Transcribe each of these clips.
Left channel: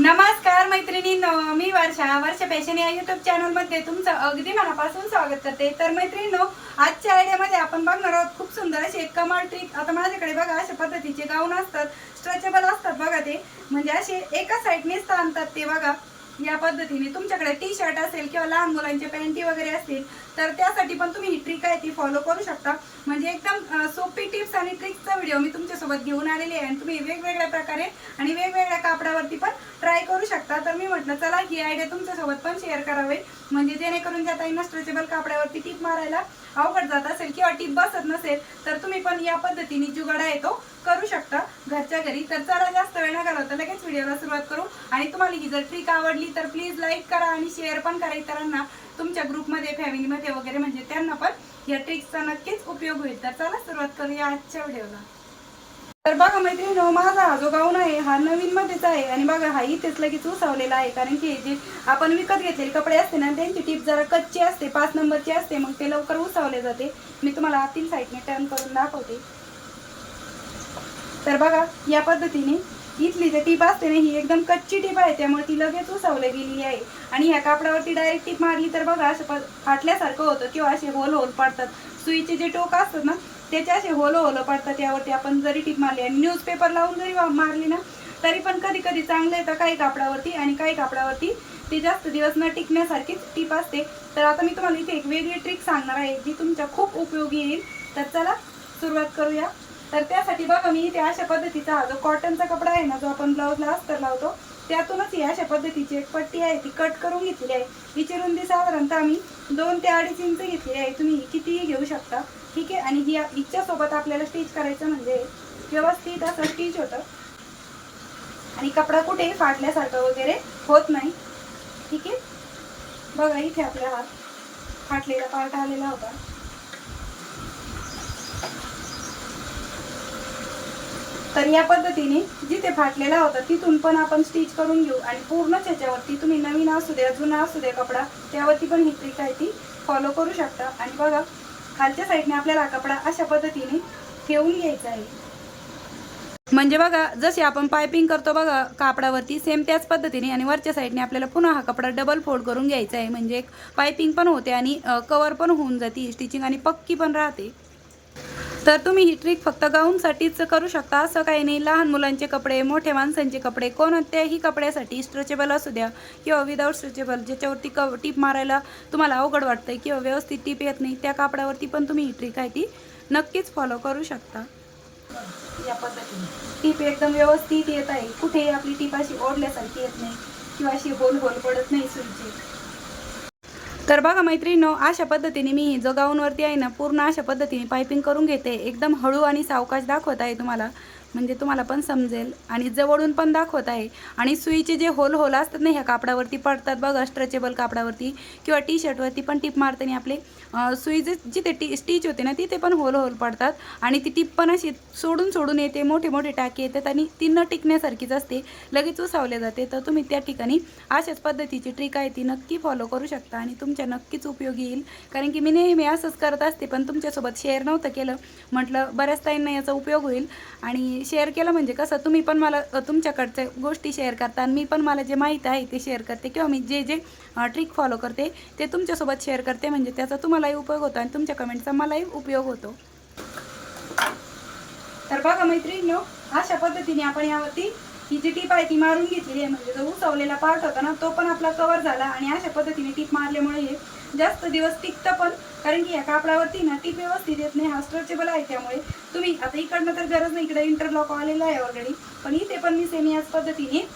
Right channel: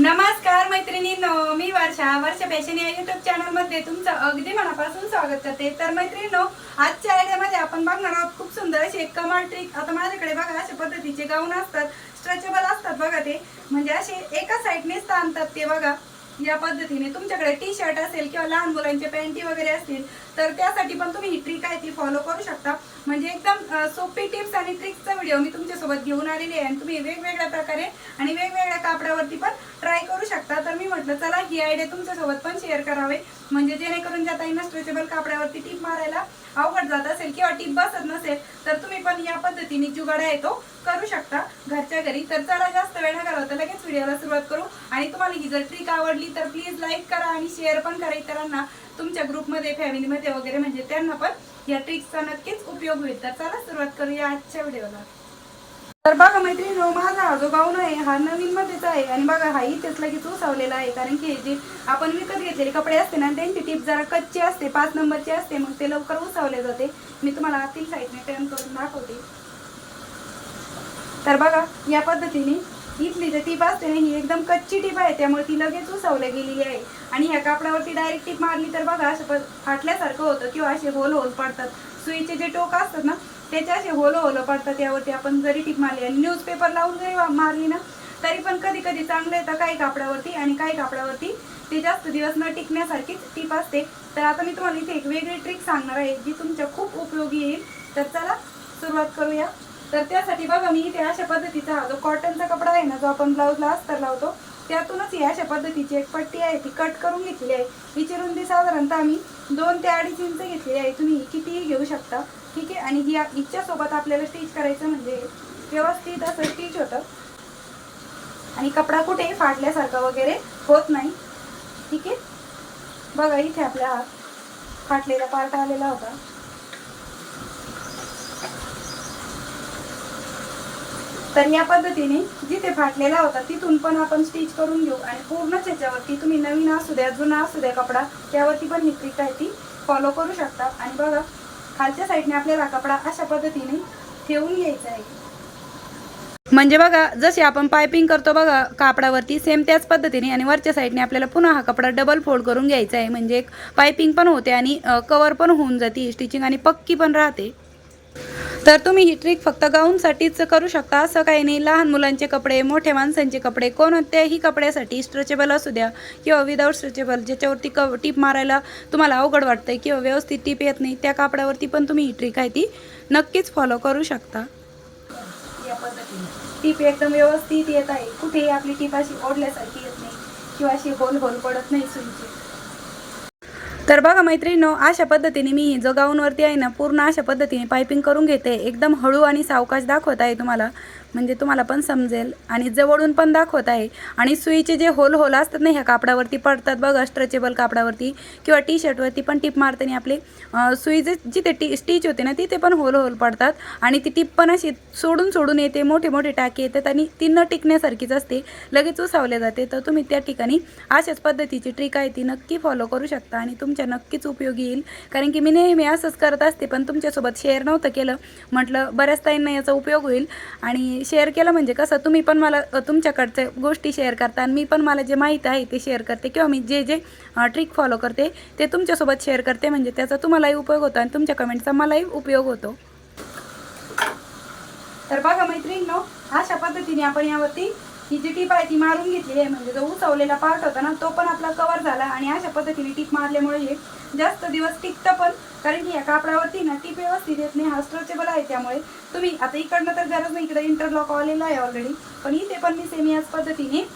नमस्कार मैत्रिणींनो मी वर्षा. वर्षा फॅशन या युट्यूब चॅनलमध्ये तुमचं अगदी मनापासून स्वागत करते. तर मैत्रिणींनो आजच्या आयडियामध्ये आपण बघणार आहोत खूप सुंदर अशी एक कमाल ट्रिक आता माझ्याकडे बघा अशा पद्धतीचे गाऊन असतात स्ट्रेचेबल असतात बघा ते. म्हणजे असे एका साईडनेच आणतात ते बघा. या पद्धतीने तुमच्याकडे टी शर्ट असेल किंवा लहान मुलांचे पॅन्टी वगैरे असतील तर त्यासाठी पण तुम्ही ही ट्रिक आहे ती फॉलो करू शकता. म्हणजे एकदम सोपी टिप्स आणि ट्रिक्सचा व्हिडिओ मी तुमच्यासोबत घेऊन आलेली आहे आणि तुम्ही वेगवेगळ्या प्रकारे आणि वेगवेगळ्या कापडावरती पण ट्राय करू म्हटलं चला ही आयडिया तुमच्यासोबत पण शेअर करावे. म्हणजे जेणेकरून ज्या ताईंना स्ट्रेचेबल कापडावरती टीप मारायला अवघड जात असेल किंवा टीप बसत नसेल तर तुम्ही पण या पद्धतीने जुगाडा आहे तो करू शकता घरच्या घरी. तर चला जास्त वेळ न घालवता लगेच व्हिडिओला सुरुवात करू. आणि तुम्हाला ही जर ट्रिक आवडली तर प्लीज लाईक करा आणि शेअर पण करा इतरांना. तुमच्या ग्रुपमध्ये फॅमिलीमध्ये वगैरे म्हणजे त्यांना पण या ट्रिक्सचा नक्कीच उपयोग होईल. तर चला सुरुवात करूया आजच्या व्हिडिओला तर बघा मैत्रिणी माझा हा जो गाऊन आहे हा नवीन मध्येच आहे. आणि बघा हा इथेच लगेच उसावलेला आहे. कारण की जे आपण विकत घेतलेले कपडे असते ना त्यांची टीप जरा कच्ची असते पाच नंबरची असते मग ते लवकर उसावले जाते. मी तुम्हाला आतील साईडने टर्न करून दाखवते. तर बघा या पद्धतीने इथली जी टीप असते ना ही एकदम कच्ची टीप आहे. त्यामुळे ती लगेच उसावल्या गेलेली आहे. आणि ह्या कापडावरती डायरेक्ट टीप मारली तर बघा असं प- फाटल्यासारखं होतं किंवा असे होल होल पडतात. सुईचे जे टोक असतात ना त्याच्या असे होलं होलं पडतात यावरती आपण जरी टीप मारली आणि न्यूजपेपर लावून जरी वा- मारली ना तरी पण कधी कधी चांगलं येतं काही कापडावरती आणि काही कापडावरती ते जास्त दिवस न टिकण्यासारखीच टीप असते. तर आता मी तुम्हाला इथे एक वेगळी ट्रिक सांगणार आहे जी तुमच्या खूप उपयोगी येईल. तर चला सुरुवात करूया. तर त्यासाठी बघा मी इथे अशा पद्धतीचा हा जो कॉटनचा कपडा आहे ना जो आपण ब्लाऊजला अस्तर लावतो त्यातूनच ही अशा पद्धतीची एक पट्टी आहे ती कट करून घेतलेली आहे. हिची रुंदी साधारणतः आम्ही दोन ते अडीच इंच घेतलेली आहे. तुम्ही कितीही घेऊ शकता. ठीक आहे? आणि ही हिच्यासोबत आपल्याला स्टिच करायचं म्हणजे व्यवस्थित असं स्टिच होतं. आणि कपडा कुठे फाटल्यासारखा वगैरे होत नाही. ठीक आहे? बघा इथे आपला फाटलेला पार्ट आलेला होता. तर या पद्धतीने जिथे फाटलेला होता तिथून पण आपण स्टिच करून घेऊ. आणि पूर्णच याच्यावरती तुम्ही नवीन असू द्या जुना असू द्या कपडा त्यावरती पण ही ट्रिक आहे ती फॉलो करू शकता. आणि बघा खालच्या साईडने आपल्याला हा कपडा अशा पद्धतीने ठेवून घ्यायचा आहे. म्हणजे बघा जसे आपण पायपिंग करतो बघा कापडावरती सेम त्याच पद्धतीने आणि वरच्या साईडने आपल्याला पुन्हा हा कपडा डबल फोल्ड करून घ्यायचा आहे. म्हणजे एक पायपिंग पण होते आणि कवर पण होऊन जाते स्टिचिंग आणि पक्की पण राहते. तर तुम्ही ही ट्रिक फक्त गाऊनसाठीच करू शकता. असं काही नाही. लहान मुलांचे कपडे मोठ्या माणसांचे कपडे कोणत्याही कपड्यासाठी स्ट्रेचेबल असू द्या किंवा विदाऊट स्ट्रेचेबल ज्याच्यावरती क टीप मारायला तुम्हाला अवघड वाटतं किंवा व्यवस्थित टीप येत नाही त्या कापडावरती पण तुम्ही ही ट्रिक आहे ती नक्कीच फॉलो करू शकता. या पद्धतीने. टीप एकदम व्यवस्थित येत आहे. कुठेही आपली टीप अशी ओढल्यासारखी येत नाही. किंवा अशी होल होल पडत नाही सुईची. तर बघा मैत्रिणीनो अशा पद्धतीने मी जो गाऊनवरती आहे ना पूर्ण अशा पद्धतीने पायपिंग करून घेते. एकदम हळू आणि सावकाश दाखवत आहे तुम्हाला. म्हणजे तुम्हाला पण समजेल. आणि जवळून पण दाखवत आहे. आणि सुईचे जे होल होल असतात ना ह्या कापडावरती पडतात बघा स्ट्रेचेबल कापडावरती किंवा टी शर्टवरती पण टीप मारताना आपले सुई जे जिथे टी स्टिच होते ना तिथे पण होल होल पडतात. आणि ती टीप पण अशी सोडून सोडून येते मोठे मोठे टाके येतात आणि ती न टिकण्यासारखीच असते. लगेच उसावले जाते. तर तुम्ही त्या ठिकाणी अशाच पद्धतीची ट्रिक आहे ती नक्की फॉलो करू शकता आणि तुमच्या नक्कीच उपयोगी येईल. कारण की मी नेहमी असंच करत असते पण तुमच्यासोबत शेअर नव्हतं केलं. म्हटलं बऱ्याच ताईंना याचा उपयोग होईल. आणि शेअर केलं म्हणजे कसं तुम्ही पण मला तुमच्याकडच्या गोष्टी शेअर करता आणि मी पण मला जे माहीत आहे ते शेअर करते किंवा मी जे जे ट्रिक फॉलो करते ते तुमच्यासोबत शेअर करते म्हणजे त्याचा तुम्हालाही उपयोग होतो आणि तुमच्या कमेंटचा मलाही उपयोग होतो. तर बघा मैत्रिणींनो अशा पद्धतीने आपण यावरती ही जी टीप आहे ती मारून घेतलेली आहे. म्हणजे जो उसवलेला पार्ट होता ना तो पण आपला कवर झाला आणि अशा पद्धतीने टीप मारल्यामुळे हे जास्त दिवस टिकतं पण कारण की या कापडावरती ना टीप व्यवस्थित येत नाही हा स्ट्रेचेबल आहे त्यामुळे. तुम्ही आता इकडनं तर गरज नाही इकडे इंटरलॉक आलेलं आहे ऑलरेडी पण इथे पण मी सेमी याच पद्धतीने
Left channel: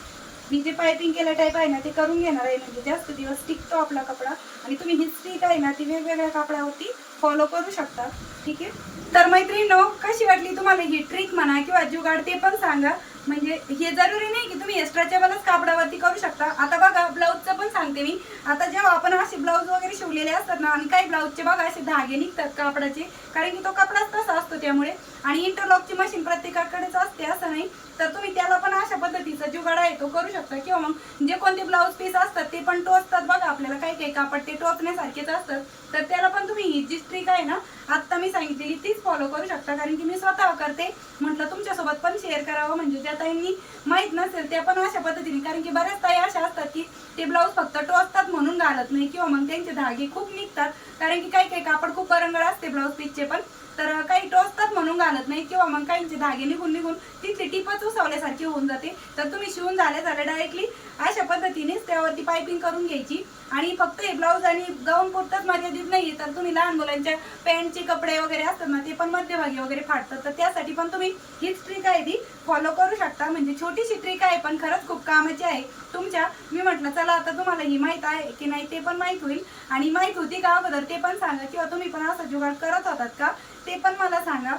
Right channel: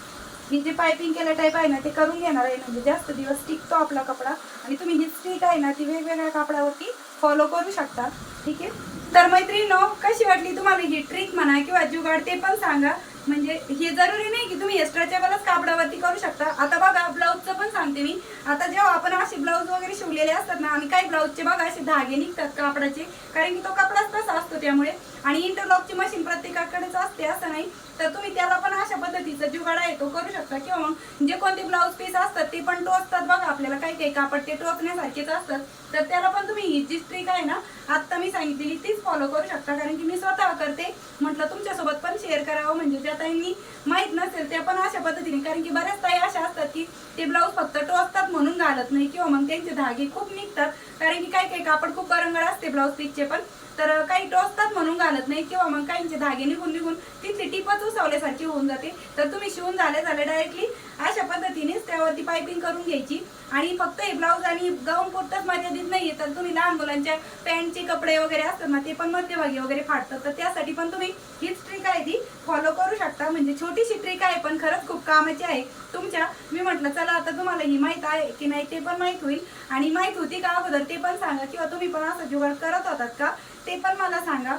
मी जे पायपिंग केल्या टाईप आहे ना ते करून घेणार आहे. म्हणजे जास्त दिवस टिकतो आपला कपडा. आणि तुम्ही ही स्टिक आहे ना ती वेगवेगळ्या कापडावरती फॉलो करू शकता. ठीक आहे? तर मैत्रिणी कशी वाटली तुम्हाला ही ट्रिक म्हणा किंवा जुगाड ते पण सांगा. म्हणजे हे जरुरी नाही की तुम्ही स्ट्रेचेबलच कापडावरती करू शकता. आता बघा ब्लाऊजचं पण सांगते मी. आता जेव्हा आपण असे ब्लाऊज वगैरे शिवलेले असतात ना आणि काही ब्लाऊजचे बघा असे धागे निघतात कापडाचे कारण की तो कपडाच तसा असतो त्यामुळे. आणि इंटरलॉकची मशीन प्रत्येकाकडेच असते असं नाही? तर तुम्ही त्याला पण अशा पद्धतीचा जुगाड आहे तो करू शकता. किंवा मग जे कोणते ब्लाऊज पीस असतात ते पण टोचतात बघा आपल्याला. काही काही कापड ते टोचण्यासारखेच असतात. तर त्याला पण तुम्ही ही जी स्ट्रीक आहे ना आत्ता मी सांगितलेली तीच फॉलो करू शकता. कारण की मी स्वतः करते. म्हटलं तुमच्यासोबत पण शेअर करावं. म्हणजे ज्या ताईंनी माहीत नसेल त्या पण अशा पद्धतीने. कारण की बऱ्याच ताई अशा असतात की ते ब्लाऊज फक्त टोचतात म्हणून घालत नाही. किंवा मग त्यांचे धागे खूप निघतात. कारण की काही काही कापड खूप परंगळ असते ब्लाऊज पीसचे पण. तर काही टोचतात म्हणून घालत नाही किंवा मग काहींचे धागे निघून निघून तिथली टिपच उसवल्यासारखी होऊन जाते. तर तुम्ही शिवून झाले झाले डायरेक्टली अशा पद्धतीनेच त्यावरती पायपिंग करून घ्यायची. आणि फक्त हे ब्लाऊज आणि गाऊन पुरतच मर्यादित नाहीये. तर तुम्ही लहान मुलांच्या पॅन्टचे कपडे वगैरे असतात ना ते पण मध्यभागी वगैरे फाटतात तर त्यासाठी पण तुम्ही हीच ट्रिक आहे ती. फॉलो करू शकता. म्हणजे छोटीशी ट्रिक आहे पण खरंच खूप कामाची आहे. तुमच्या मी म्हटलं चला आता तुम्हाला ही माहीत आहे की नाही ते पण माहीत होईल. आणि माहीत होती का अगोदर ते पण सांगा. किंवा तुम्ही पण असा जुगाड करत होतात का? ते पण मला सांगा.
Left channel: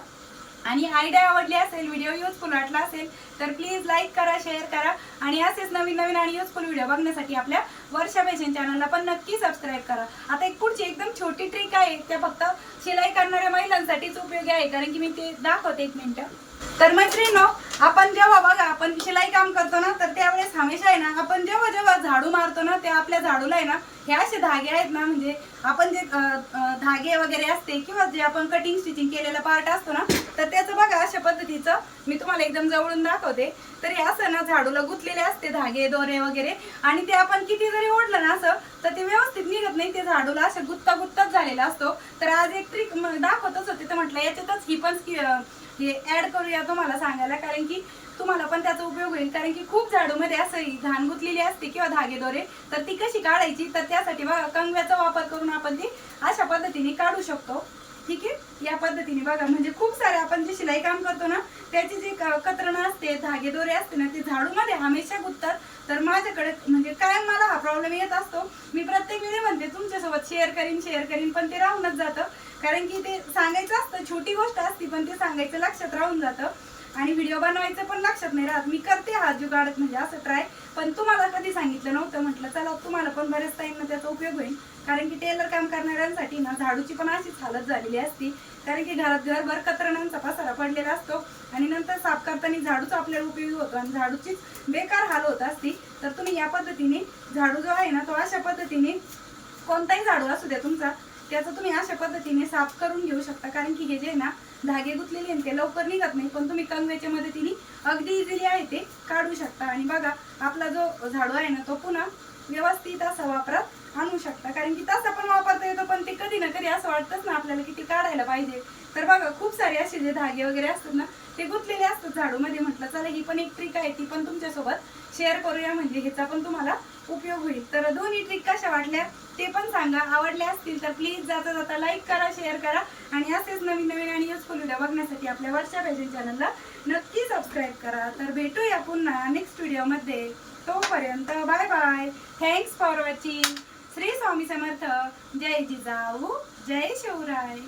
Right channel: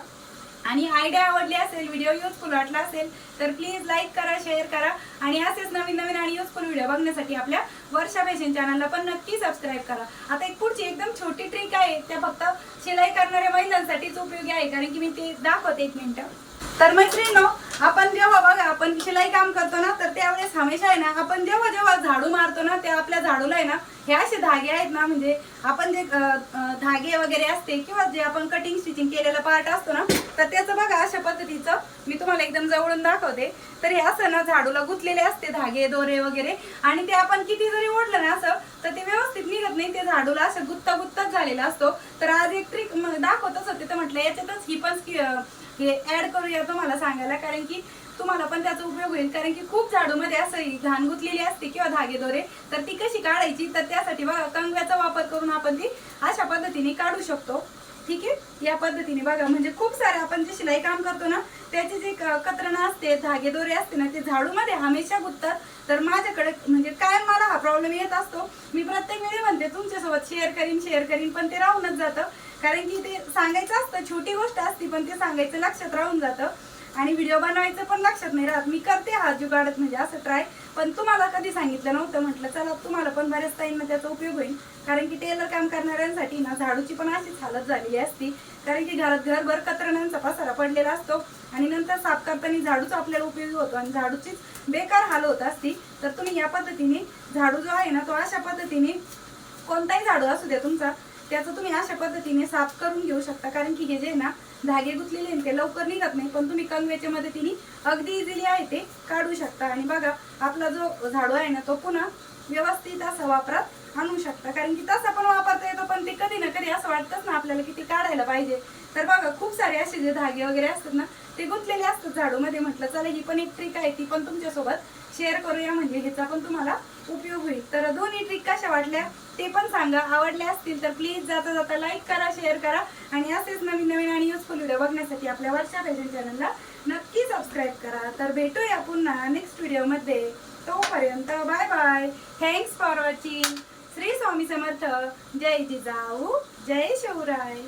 आणि आयडिया आवडली असेल व्हिडिओ युजफुल वाटला असेल तर प्लीज लाईक करा शेअर करा. आणि असेच नवीन नवीन आणि युजफुल व्हिडिओ बघण्यासाठी आपल्या वर्षा फॅशन चॅनलला पण नक्की सबस्क्राईब करा. आता एक पुढची एकदम छोटी ट्रिक आहे त्या फक्त शिलाई करणाऱ्या महिलांसाठीच उपयोगी आहे कारण की मी ते दाखवते एक मिनटं तर मैत्रिणी आपण जेव्हा बघा आपण शिलाई काम करतो ना तर त्यावेळेस हमेशा आहे ना आपण जेव्हा जेव्हा झाडू मारतो ना त्या आपल्या झाडूला आहे ना हे असे धागे आहेत ना म्हणजे आपण जे धागे वगैरे असते किंवा जे आपण कटिंग स्टिचिंग केलेलं पार्ट असतो ना तर त्याचं बघा अशा पद्धतीचं मी तुम्हाला एकदम जवळून दाखवते. तर हे असं ना झाडूला गुंतलेले असते धागे दोरे वगैरे आणि ते आपण किती जरी ओढलं ना असं तर ते व्यवस्थित निघत नाही ते झाडूला असं गुत्ता गुत्ताच झालेला असतो. तर आज एक ट्रिक दाखवतच होते तर म्हटलं याच्यातच ही पण हे ऍड करूया तुम्हाला सांगायला कारण की तुम्हाला पण त्याचा उपयोग होईल. कारण की खूप झाडूमध्ये असं घाण गुंतलेली असते किंवा धागे दोरे तर ती कशी काढायची? तर त्यासाठी बघा कंगव्याचा वापर करून आपण ती अशा पद्धतीने काढू शकतो. ठीक आहे? या पद्धतीने बघा म्हणजे खूप सारे आपण जे शिलाई काम करतो ना त्याची जी क- कतरणं असते धागे दोरे असते ना ते झाडूमध्ये हमेशा गुंततात. तर माझ्याकडे म्हणजे कायम मला हा प्रॉब्लेम येत असतो मी प्रत्येक वेळी म्हणते तुमच्यासोबत शेअर करीन शेअर करीन पण ते राहूनच जातं. कारण की ते सांगायचं असतं छोटी गोष्ट असती पण ते सांगायचं लक्षात राहून जातं. आणि व्हिडिओ बनवायचं पण लक्षात नाही राहत. मी करते हा जुगाडत म्हणजे असं ट्राय पण तुम्हाला कधी सांगितलं नव्हतं म्हटलं चला तुम्हाला पण बऱ्याच ताईंना त्याचा उपयोग होईल. कारण की टेलर काम करणाऱ्यांसाठी ना झाडूची पण अशीच हालत झालेली असती. कारण की घरात घरभर कतरणांचा पसारा पडलेला असतो. आणि नंतर साफ करताना झाडूच आपल्याला उपयोगी होतो आणि झाडूचीच बेकार हाल होत असती. तर तुम्ही या पद्धतीने झाडू जो आहे ना तो अशा पद्धतीने कोणताही झाडू असू द्या तुमचा त्याचं तुम्ही अशा पद्धतीने साफ करून घेऊ शकता. कारण की हे जे आहे ना धागे गुंतलेले आहेत ते लवकर निघत नाही पण तुम्ही कंगव्याच्या मदतीने अगदी इझिली आहे ते काढू शकता. आणि बघा आपला जो झाडू आहे ना तो पुन्हा व्यवस्थित असा वापरात आणू शकता. कारण की तसा पण वापरता येतो पण ते कधी ना कधी असं वाटतंच ना आपल्याला की ते काढायला पाहिजे. तर बघा खूप सारे असे जे धागे वगैरे असतात ना ते गुंतलेले असतात झाडूमध्ये. म्हटलं चला ही पण एक ट्रिक आहे ती पण तुमच्यासोबत शेअर करूया. म्हणजे ह्याचा पण तुम्हाला उपयोग होईल. तर दोन्ही ट्रिक कशा वाटल्या? ते पण सांगा. आवडल्या असतील तर प्लीज जाता जाता लाईक करा शेअर करा आणि असेच नवीन नवीन आणि युजफुल व्हिडिओ बघण्यासाठी आपल्या वर्षा फॅशन चॅनलला नक्की सबस्क्राईब करा. तर भेटूया पुन्हा नेक्स्ट व्हिडिओमध्ये तोपर्यंत bye bye thanks for watching Shri Swami Samarth. जय जिजाऊ. जय शिवराय.